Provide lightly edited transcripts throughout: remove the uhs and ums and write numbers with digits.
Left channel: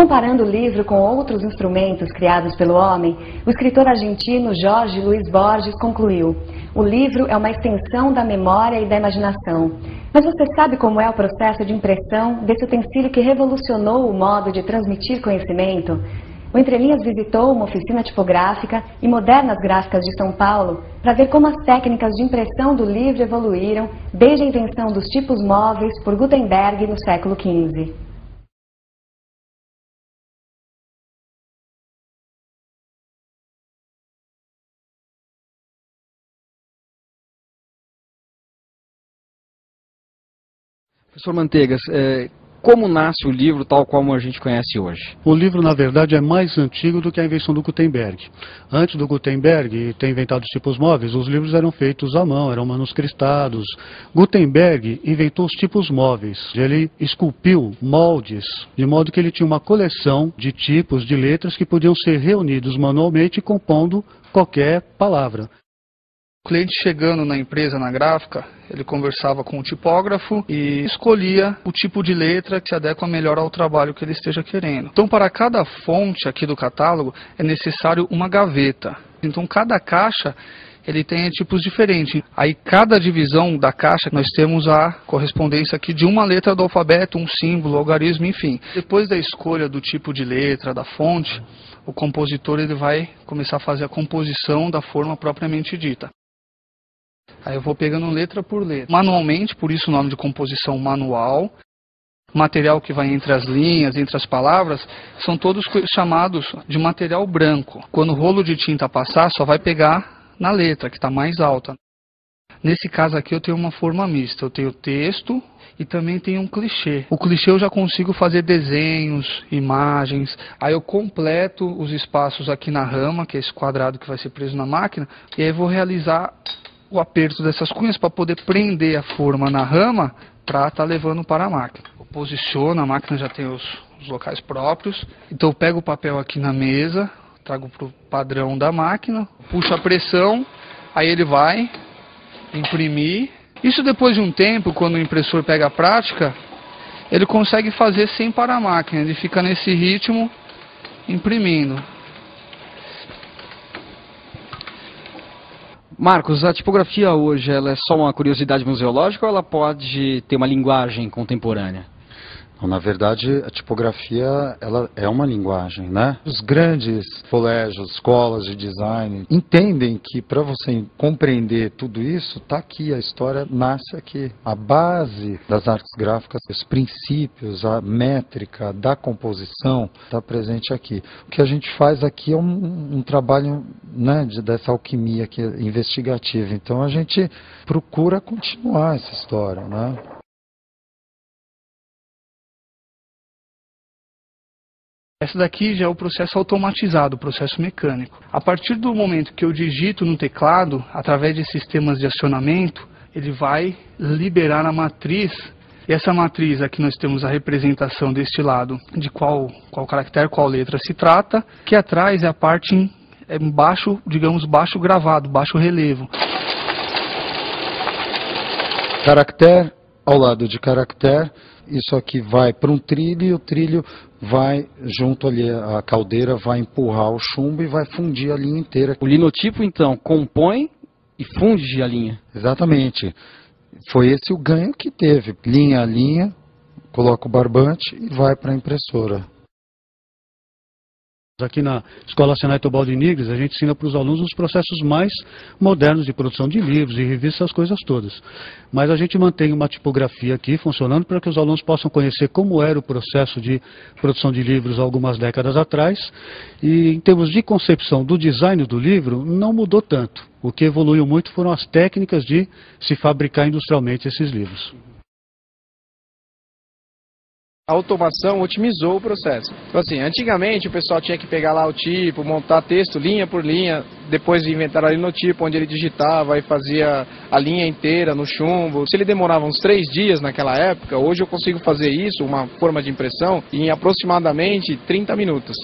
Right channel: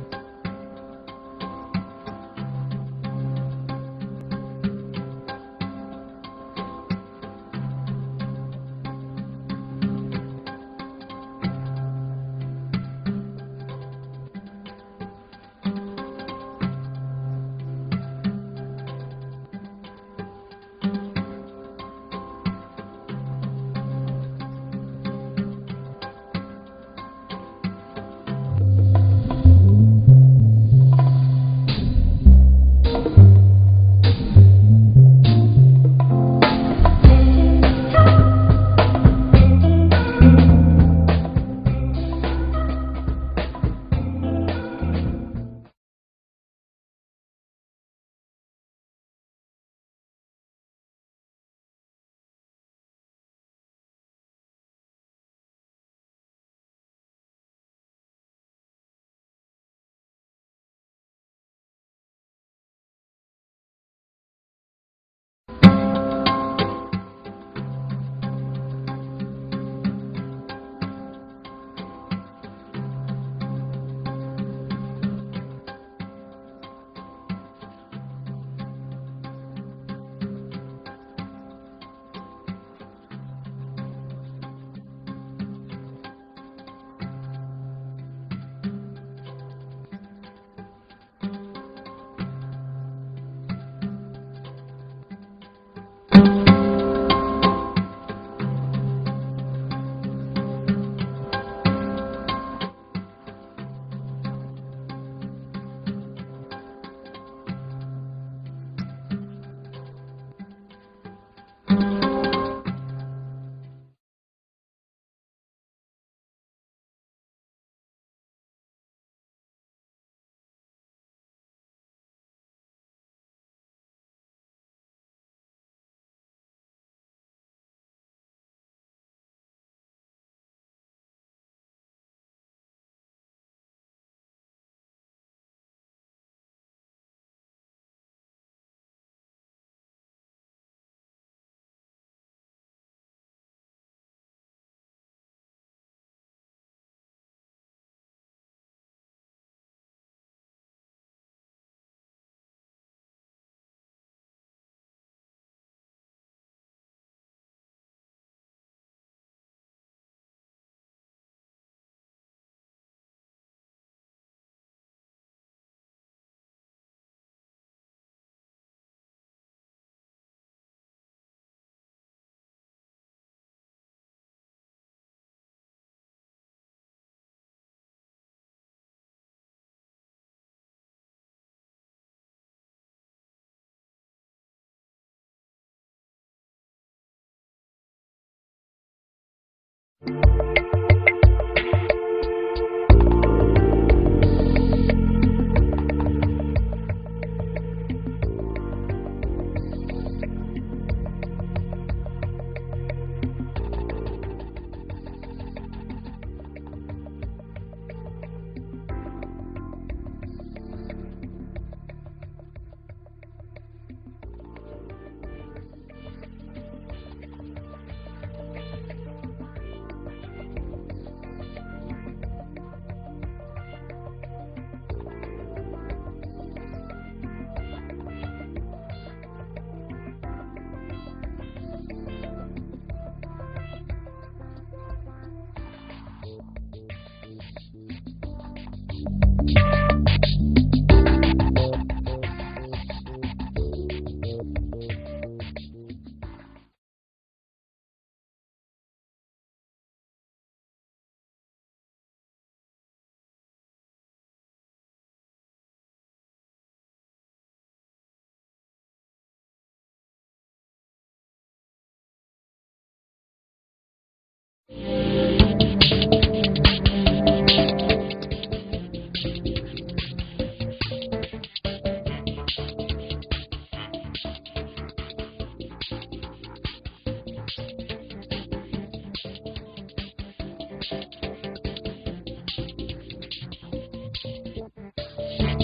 Comparando o livro com outros instrumentos criados pelo homem, o escritor argentino Jorge Luis Borges concluiu: o livro é uma extensão da memória e da imaginação. Mas você sabe como é o processo de impressão desse utensílio que revolucionou o modo de transmitir conhecimento? O Entre Linhas visitou uma oficina tipográfica e modernas gráficas de São Paulo para ver como as técnicas de impressão do livro evoluíram desde a invenção dos tipos móveis por Gutenberg no século XV. Manteigas, como nasce o livro tal como a gente conhece hoje? O livro, na verdade, é mais antigo do que a invenção do Gutenberg. Antes do Gutenberg ter inventado os tipos móveis, os livros eram feitos à mão, eram manuscritados. Gutenberg inventou os tipos móveis. Ele esculpiu moldes, de modo que ele tinha uma coleção de tipos de letras que podiam ser reunidos manualmente compondo qualquer palavra. O cliente chegando na empresa, na gráfica, ele conversava com o tipógrafo e escolhia o tipo de letra que se adequa melhor ao trabalho que ele esteja querendo. Então, para cada fonte aqui do catálogo, é necessário uma gaveta. Então, cada caixa ele tem tipos diferentes. Aí, cada divisão da caixa, nós temos a correspondência aqui de uma letra do alfabeto, um símbolo, algarismo, enfim. Depois da escolha do tipo de letra, da fonte, o compositor ele vai começar a fazer a composição da forma propriamente dita. Aí eu vou pegando letra por letra. Manualmente, por isso o nome de composição manual. O material que vai entre as linhas, entre as palavras, são todos chamados de material branco. Quando o rolo de tinta passar, só vai pegar na letra, que está mais alta. Nesse caso aqui eu tenho uma forma mista. Eu tenho texto e também tenho um clichê. O clichê eu já consigo fazer desenhos, imagens. Aí eu completo os espaços aqui na rama, que é esse quadrado que vai ser preso na máquina. E aí eu vou realizar o aperto dessas cunhas para poder prender a forma na rama para estar levando para a máquina. Eu posiciono, a máquina já tem os locais próprios. Então eu pego o papel aqui na mesa, trago para o padrão da máquina, puxo a pressão, aí ele vai imprimir. Isso depois de um tempo, quando o impressor pega a prática, ele consegue fazer sem parar a máquina, ele fica nesse ritmo imprimindo. Marcos, a tipografia hoje ela é só uma curiosidade museológica ou ela pode ter uma linguagem contemporânea? Na verdade, a tipografia ela é uma linguagem, né? Os grandes colégios, escolas de design entendem que para você compreender tudo isso, está aqui, a história nasce aqui. A base das artes gráficas, os princípios, a métrica da composição está presente aqui. O que a gente faz aqui é um trabalho, né, dessa alquimia aqui, investigativa. Então a gente procura continuar essa história, né? Essa daqui já é o processo automatizado, o processo mecânico. A partir do momento que eu digito no teclado, através de sistemas de acionamento, ele vai liberar a matriz. E essa matriz, aqui nós temos a representação deste lado, de qual caractere, qual letra se trata, que atrás é a parte baixo, digamos, baixo gravado, baixo relevo. Caractere, ao lado de caractere, isso aqui vai para um trilho e o trilho vai junto ali, a caldeira vai empurrar o chumbo e vai fundir a linha inteira. O linotipo, então, compõe e funde a linha. Exatamente. Foi esse o ganho que teve. Linha a linha, coloca o barbante e vai para a impressora. Aqui na Escola Senai Teobaldo de Nigres, a gente ensina para os alunos os processos mais modernos de produção de livros e revistas, essas coisas todas. Mas a gente mantém uma tipografia aqui funcionando para que os alunos possam conhecer como era o processo de produção de livros algumas décadas atrás. E em termos de concepção do design do livro, não mudou tanto. O que evoluiu muito foram as técnicas de se fabricar industrialmente esses livros. A automação otimizou o processo. Então, assim, antigamente o pessoal tinha que pegar lá o tipo, montar texto linha por linha, depois inventar ali no tipo, onde ele digitava e fazia a linha inteira no chumbo. Se ele demorava uns 3 dias naquela época, hoje eu consigo fazer isso, uma forma de impressão, em aproximadamente 30 minutos.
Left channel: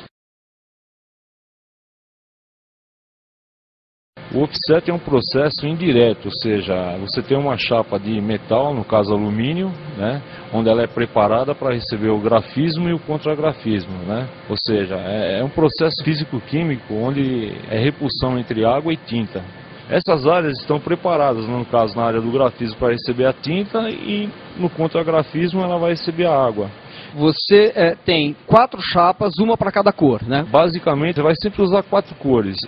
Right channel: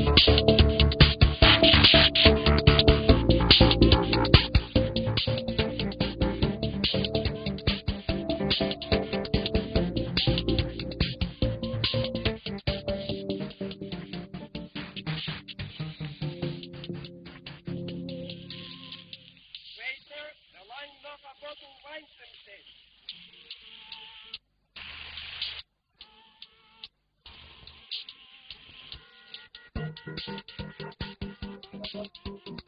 O offset é um processo indireto, ou seja, você tem uma chapa de metal, no caso alumínio, né, onde ela é preparada para receber o grafismo e o contragrafismo, né? Ou seja, é um processo físico-químico onde é repulsão entre água e tinta. Essas áreas estão preparadas, no caso na área do grafismo, para receber a tinta e no contragrafismo ela vai receber a água. Você tem 4 chapas, uma para cada cor, né? Basicamente, você vai sempre usar 4 cores.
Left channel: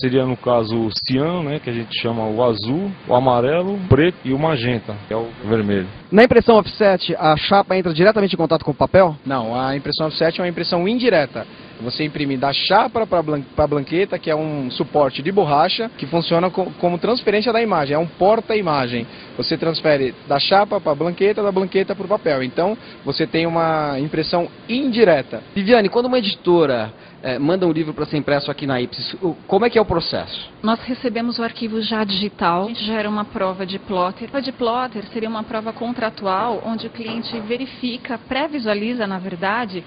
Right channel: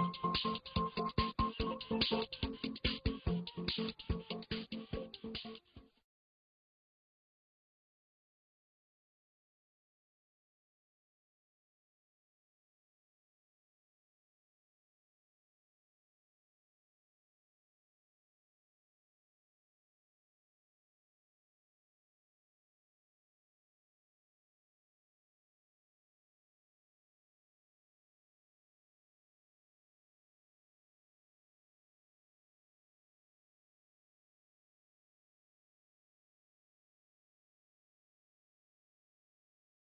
Seria, no caso, o ciano, né, que a gente chama o azul, o amarelo, o preto e o magenta, que é o vermelho. Na impressão offset, a chapa entra diretamente em contato com o papel? Não, a impressão offset é uma impressão indireta. Você imprime da chapa para a blanqueta, que é um suporte de borracha, que funciona como transferência da imagem, é um porta-imagem. Você transfere da chapa para a blanqueta, da blanqueta para o papel. Então, você tem uma impressão indireta. Viviane, quando uma editora manda um livro para ser impresso aqui na Ipsis, como é que é o processo? Nós recebemos o arquivo já digital, a gente gera uma prova de plotter. A prova de plotter seria uma prova contratual, onde o cliente verifica, pré-visualiza, na verdade,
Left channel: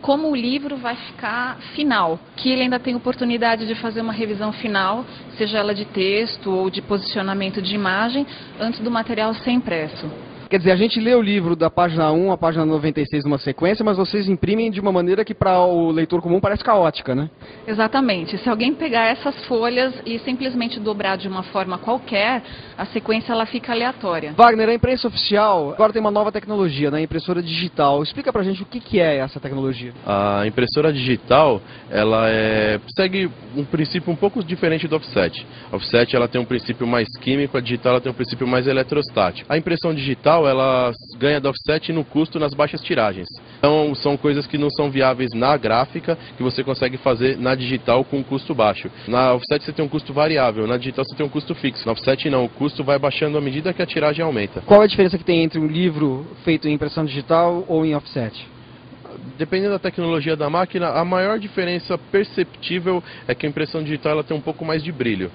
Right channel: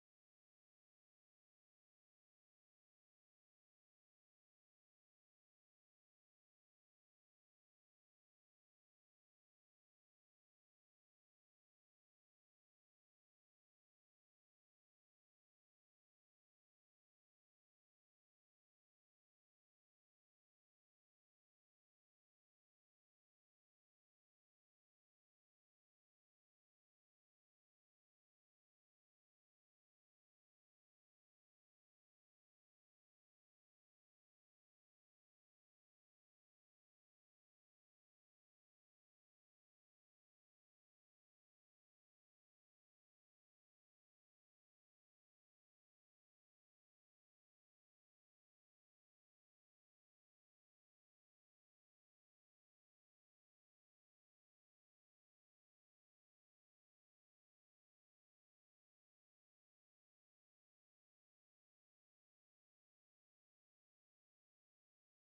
como o livro vai ficar final, que ele ainda tem oportunidade de fazer uma revisão final, seja ela de texto ou de posicionamento de imagem, antes do material ser impresso. Quer dizer, a gente lê o livro da página 1 à página 96 numa sequência, mas vocês imprimem de uma maneira que para o leitor comum parece caótica, né? Exatamente. Se alguém pegar essas folhas e simplesmente dobrar de uma forma qualquer, a sequência ela fica aleatória. Wagner, a imprensa oficial agora tem uma nova tecnologia, né? A impressora digital. Explica pra gente o que é essa tecnologia. A impressora digital, ela segue um princípio um pouco diferente do offset. A offset ela tem um princípio mais químico, a digital ela tem um princípio mais eletrostático. A impressão digital ela ganha da offset no custo nas baixas tiragens. Então são coisas que não são viáveis na gráfica, que você consegue fazer na digital com um custo baixo. Na offset você tem um custo variável, na digital você tem um custo fixo. Na offset não, o custo vai baixando à medida que a tiragem aumenta. Qual é a diferença que tem entre um livro feito em impressão digital ou em offset? Dependendo da tecnologia da máquina, a maior diferença perceptível é que a impressão digital ela tem um pouco mais de brilho,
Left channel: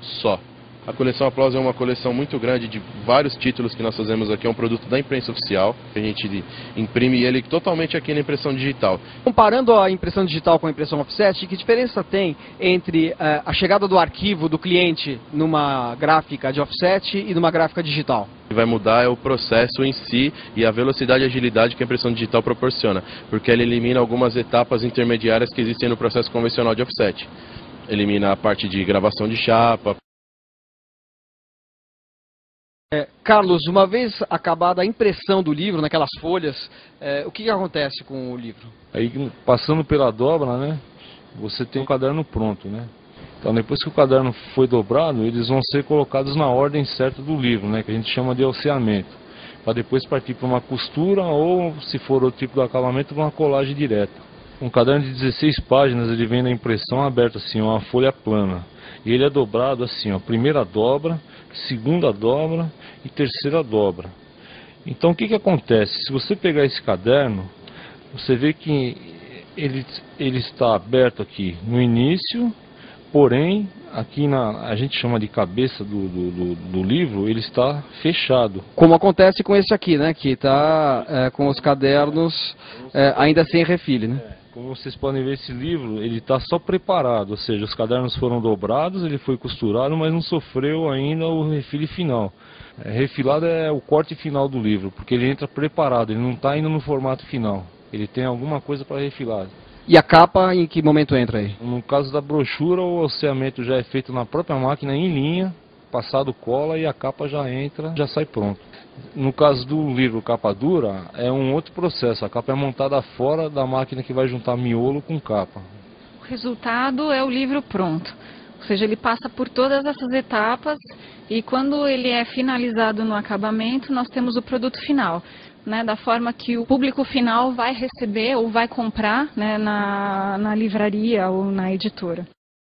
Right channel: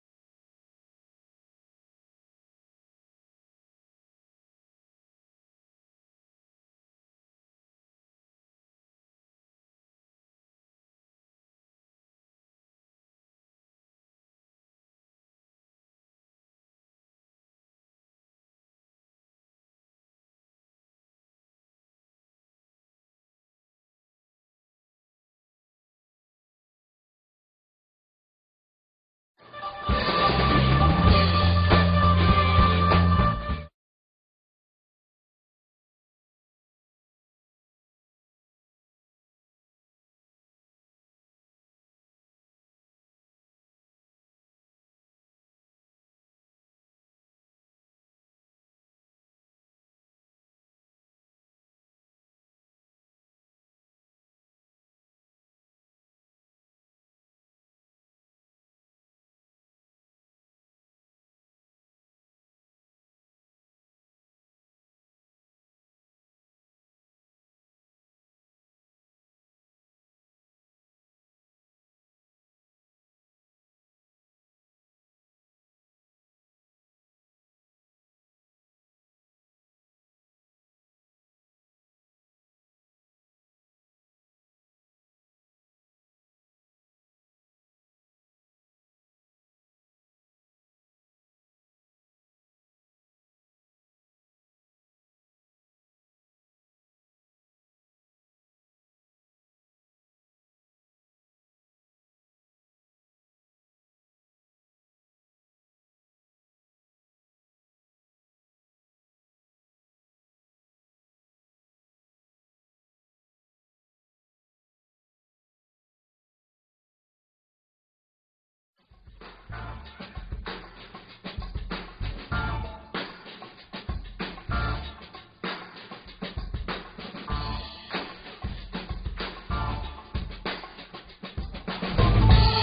só. A coleção Aplauso é uma coleção muito grande de vários títulos que nós fazemos aqui, é um produto da imprensa oficial, a gente imprime ele totalmente aqui na impressão digital. Comparando a impressão digital com a impressão offset, que diferença tem entre a chegada do arquivo do cliente numa gráfica de offset e numa gráfica digital? O que vai mudar é o processo em si e a velocidade e agilidade que a impressão digital proporciona, porque ela elimina algumas etapas intermediárias que existem no processo convencional de offset. Elimina a parte de gravação de chapa. Carlos, uma vez acabada a impressão do livro naquelas folhas, o que acontece com o livro? Aí, passando pela dobra, né, você tem o caderno pronto, né? Então, depois que o caderno foi dobrado, eles vão ser colocados na ordem certa do livro, né, que a gente chama de alceamento, para depois partir para uma costura ou, se for outro tipo de acabamento, para uma colagem direta. Um caderno de 16 páginas, ele vem na impressão aberta assim, uma folha plana. E ele é dobrado assim, ó, primeira dobra, segunda dobra e terceira dobra. Então o que acontece? Se você pegar esse caderno, você vê que ele está aberto aqui no início, porém aqui a gente chama de cabeça do livro, ele está fechado. Como acontece com esse aqui, né? Que está com os cadernos ainda sem refile, né? Como vocês podem ver, esse livro ele está só preparado, ou seja, os cadernos foram dobrados, ele foi costurado, mas não sofreu ainda o refile final. Refilado é o corte final do livro, porque ele entra preparado, ele não está ainda no formato final. Ele tem alguma coisa para refilar. E a capa em que momento entra aí? No caso da brochura, o alceamento já é feito na própria máquina em linha, passado cola e a capa já entra, já sai pronto. No caso do livro capa dura, é um outro processo. A capa é montada fora da máquina que vai juntar miolo com capa. O resultado é o livro pronto. Ou seja, ele passa por todas essas etapas e quando ele é finalizado no acabamento, nós temos o produto final, né, da forma que o público final vai receber ou vai comprar, né, na livraria ou na editora.